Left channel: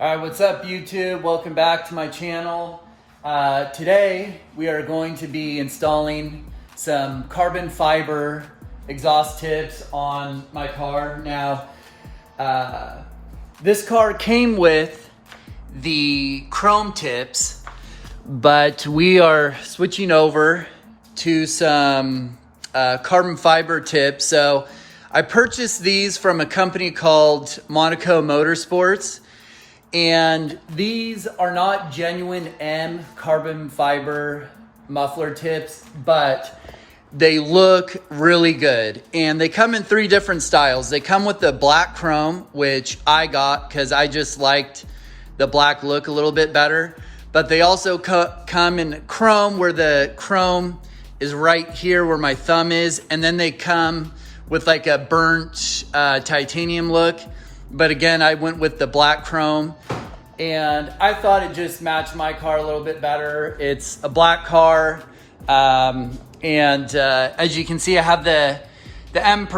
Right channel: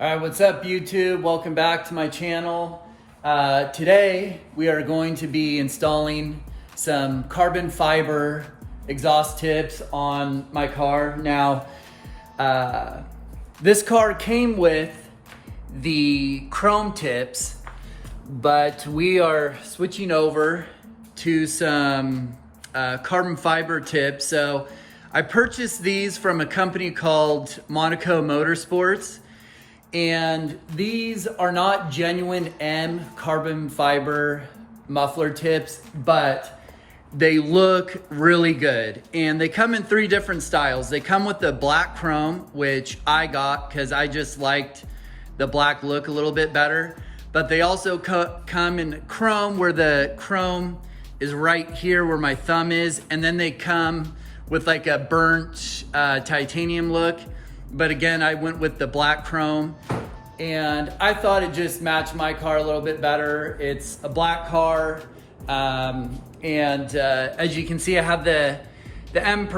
All right, what's up YouTube? Welcome back to my channel. Today we are going to be installing some carbon fiber exhaust tips on my car. Now, this car came with the chrome tips, but we are switching over to some carbon fiber tips. So I purchased these from a company called Monaco Motorsports. And these are not genuine M carbon fiber muffler tips, but they look really good. And they come in 3 different styles. They come with the black chrome, which I got because I just liked the black look a little bit better. But they also come in chrome, where the chrome is right here where my thumb is. And then they come with like a burnt titanium look. But again, I went with the black chrome and I thought it just matched my car a little bit better. It's a black car. As you can see, I have the M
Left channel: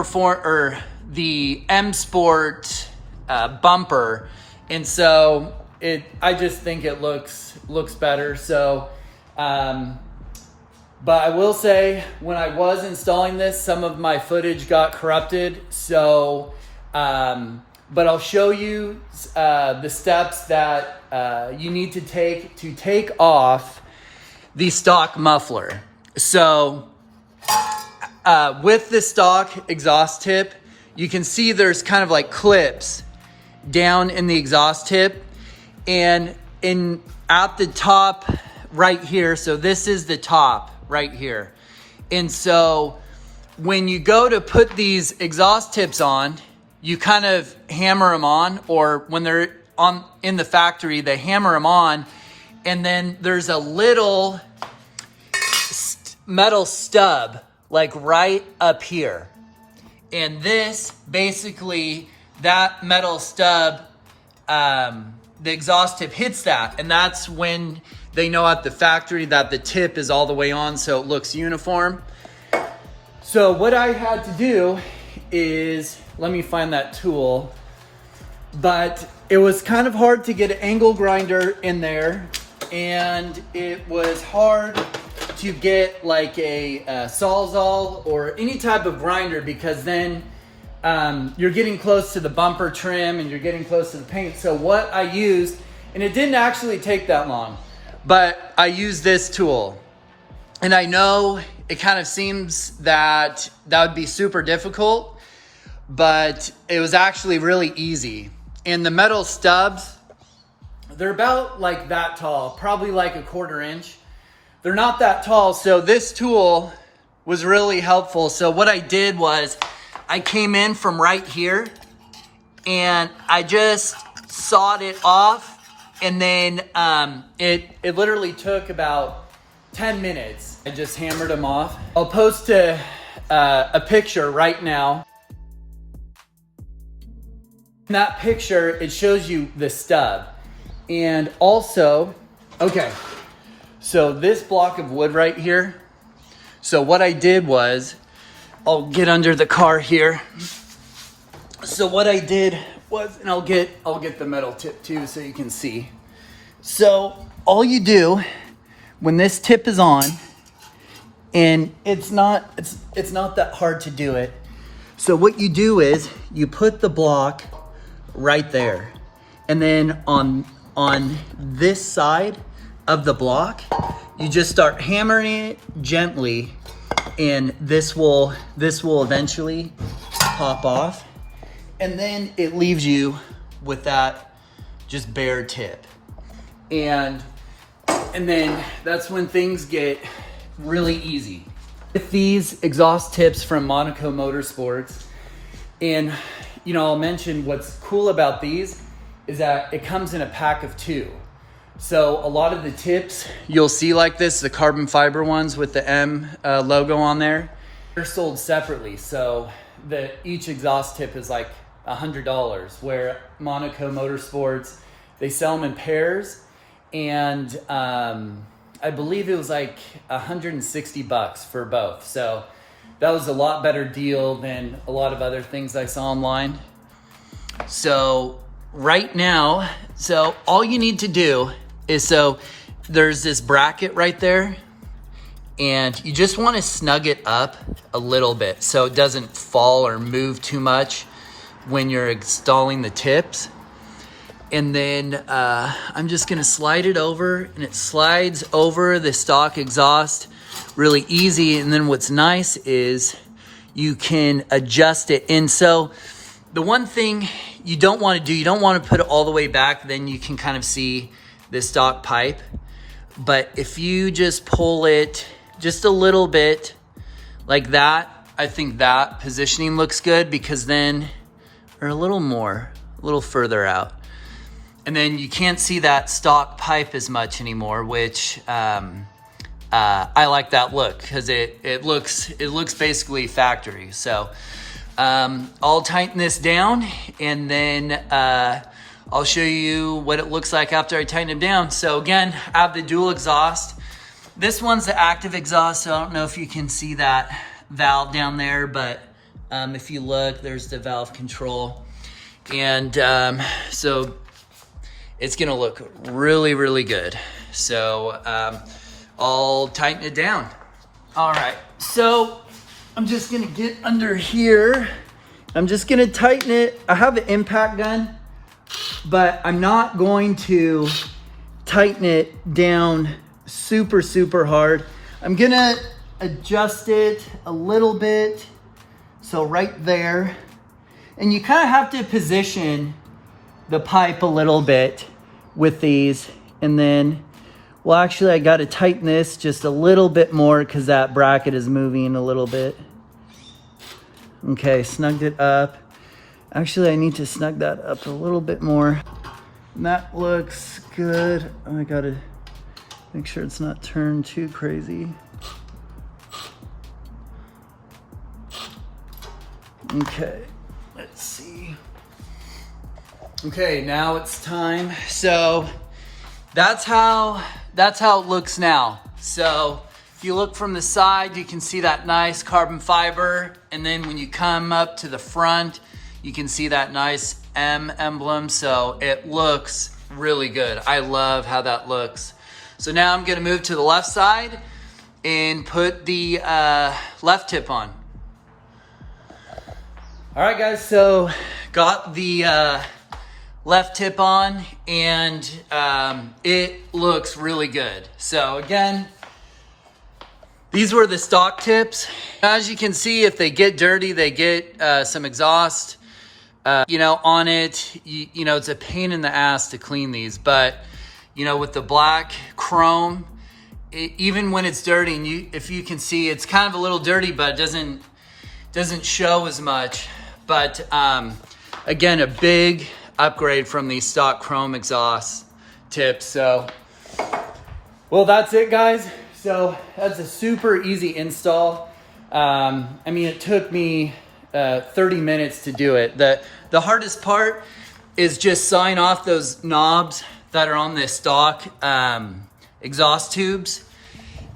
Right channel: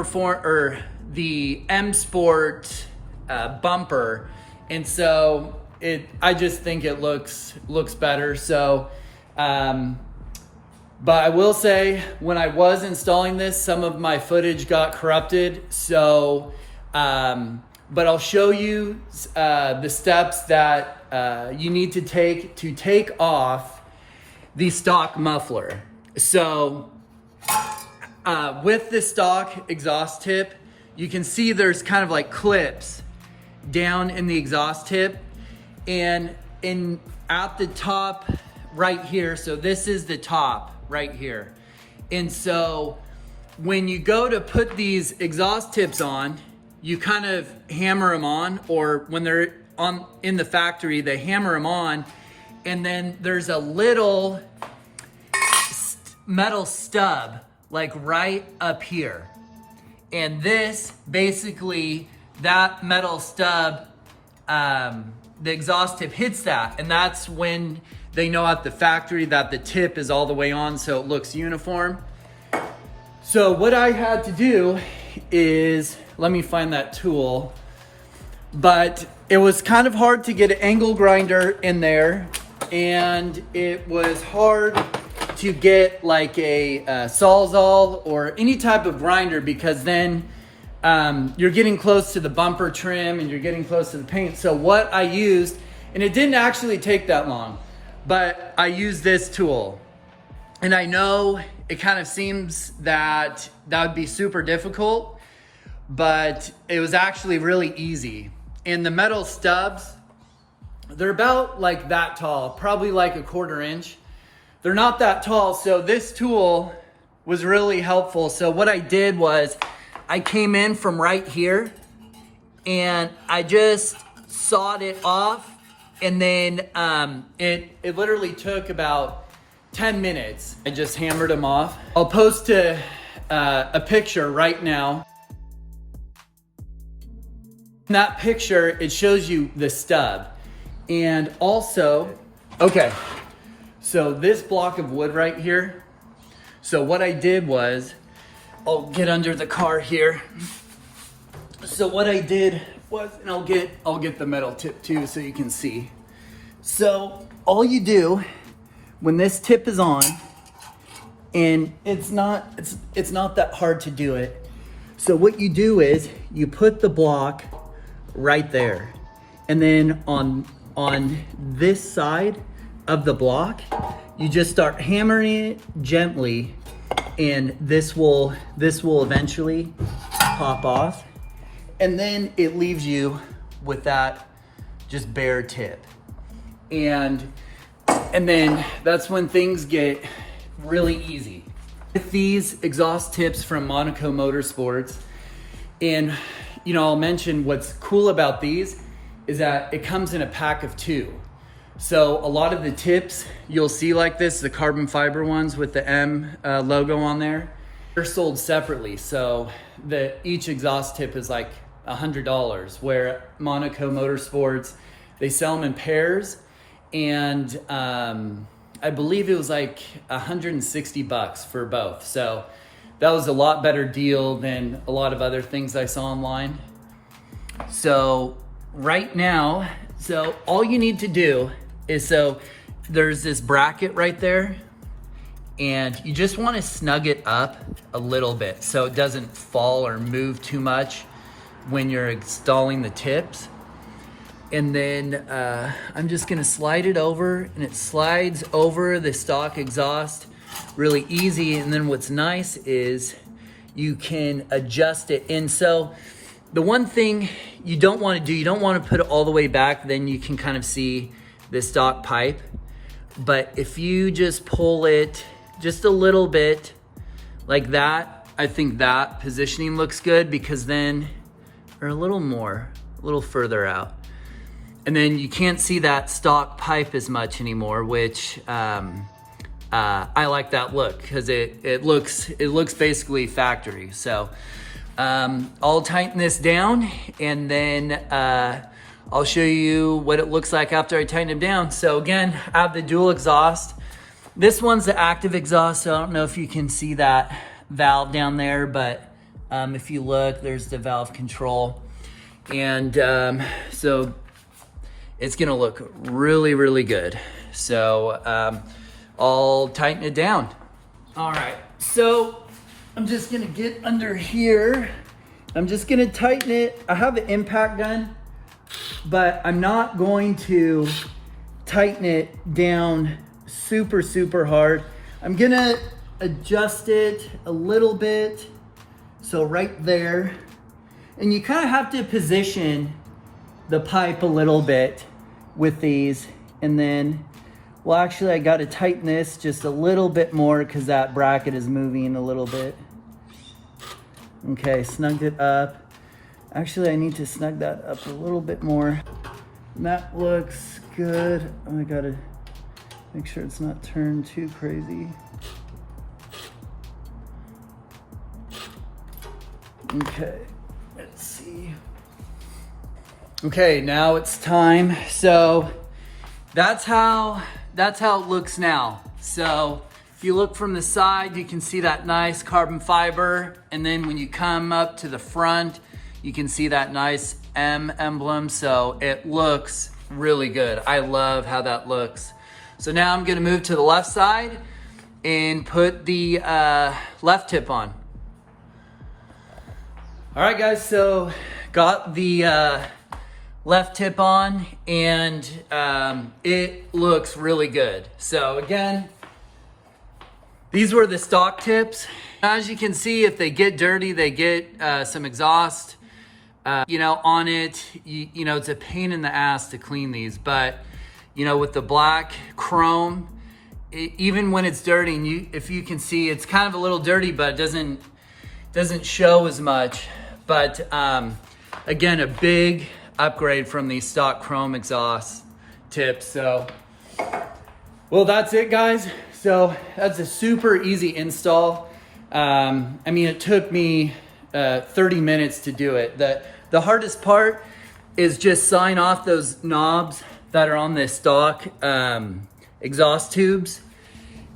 Sport bumper. And so I just think it looks better. So, but I will say when I was installing this, some of my footage got corrupted. So, but I'll show you the steps that you need to take off the stock muffler. So with the stock exhaust tip, you can see there's kind of like clips down in the exhaust tip, and at the top right here. So this is the top right here. And so when you go to put these exhaust tips on, you kind of hammer them on, or when they're in the factory, they hammer them on, and then there's a little metal stub like right up here. And this basically, that metal stub, the exhaust tip hits that, and that's when they know at the factory that the tip is all the way on, so it looks uniform. So what I had to do is, let me find that tool, but it was kind of hard to get an angle grinder in there, and it was hard to get like a Sawzall or any type of grinder, because then you're getting close to the bumper trim and you're getting close to the paint. So what I used, and it didn't actually take that long, but I used this tool. And I know it kind of seems that would be super difficult, but it was actually really easy. And the metal stubs, they're about like that tall, probably like a 1/4 inch. They're not that tall, so this tool was really helpful. So what I did was I came in from right here and I just sawed it off, and then it literally took about 10 minutes. I just hammered them off. I'll post a picture right now. In that picture, it shows you the stub. And also, okay, so this block of wood right here. So what I did was, I'll get under the car here. So what I did was, and I'll get the metal tip too so you can see. So all you do when this tip is on, and it's not that hard to do it. So what you do is you put the block right there, and then on this side of the block, you just start hammering it gently, and this will eventually pop off, and then it leaves you with that just bare tip. And then that's when things get really easy. With these exhaust tips from Monaco Motorsports, and you know, I'll mention what's cool about these is that it comes in a pack of 2. So a lot of the tips you'll see like this, the carbon fiber ones with the M logo on there, they're sold separately. So each exhaust tip is like $100, where Monaco Motorsports, they sell them in pairs, and I believe it was like $160 for both. So that was a lot better deal than a lot of other things I saw online. So right now, so all you need to do is, so there's this bracket right there, and you just want to snug it up a little bit so it doesn't fall or move too much when you're installing the tips. And then I'm just gonna slide it over, and it slides over the stock exhaust really easy. And then what's nice is you can adjust it. And so the one thing you don't want to do, you don't want to put it all the way back, then you can kind of see the stock pipe. But if you just pull it just a little bit like that, I think that positioning looks good, because then, or a little further out. And then you can't see that stock pipe as much anymore, which I like that look, because it looks basically factory. So I'll tighten this down, and then I'll show you what it looks like after I tighten it down. So again, I have the dual exhaust. This one's the active exhaust, so I don't know if you can see that valve down there, but if you look, there's the valve control. And so it's gonna look really, really good. So I'll tighten it down. All right, so I'm just gonna get under here. I'm just gonna tighten it. I have an impact gun, but I'm not going to tighten it down super, super hard. I'm gonna adjust it a little bit. So right there. And you kind of have to position the pipe a little bit with these. And then, well, actually I got to tighten this just a little bit more because that bracket is moving a little bit. Okay, snugged it up. Actually, I need to snug that up a little bit more. And that looks good. I gotta make sure it's not turned too crazy. Okay, let's see. Okay, now it's time. So that's how it looks now. So if you look from the side, you can see that nice carbon fiber. And then when you come up to the front, you can see that nice M emblem. So it looks really good. I love how that looks. So now I'm gonna move to the left side and put the left tip on. All right, guys, so got the left tip on, and it looks really good. So again, these were the stock tips. As you can see, if they get dirty, they get some exhaust, on it. It's a pain in the ass to clean these, but with the black chrome, even when it's dirty, and if you can see, it's kind of a little dirty, but it doesn't show as much. But again, a big upgrade from the stock chrome exhaust tips. So, well, that's it, guys. So that's a super easy install. It took me 30 minutes to do it. The hardest part is just sawing off those knobs that are on the stock exhaust tubes.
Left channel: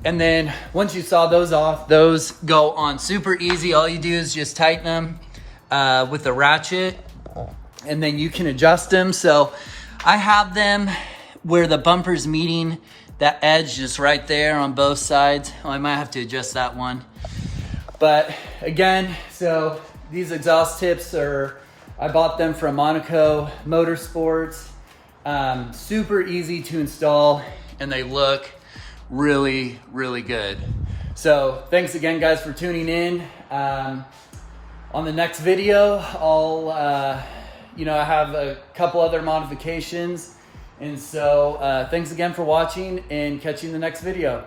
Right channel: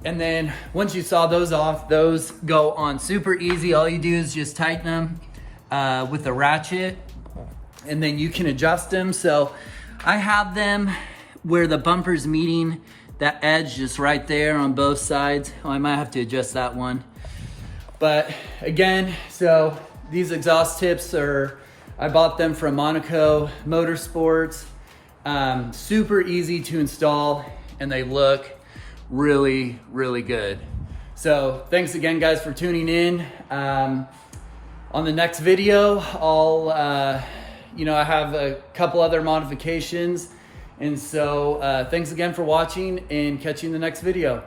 And then once you saw those off, those go on super easy. All you do is just tighten them with a ratchet, and then you can adjust them. So I have them where the bumper's meeting that edge just right there on both sides. I might have to adjust that one. But again, so these exhaust tips I bought them from Monaco Motorsports. Super easy to install, and they look really, really good. So thanks again, guys, for tuning in. On the next video, I have a couple other modifications. And so thanks again for watching, and catch you in the next video.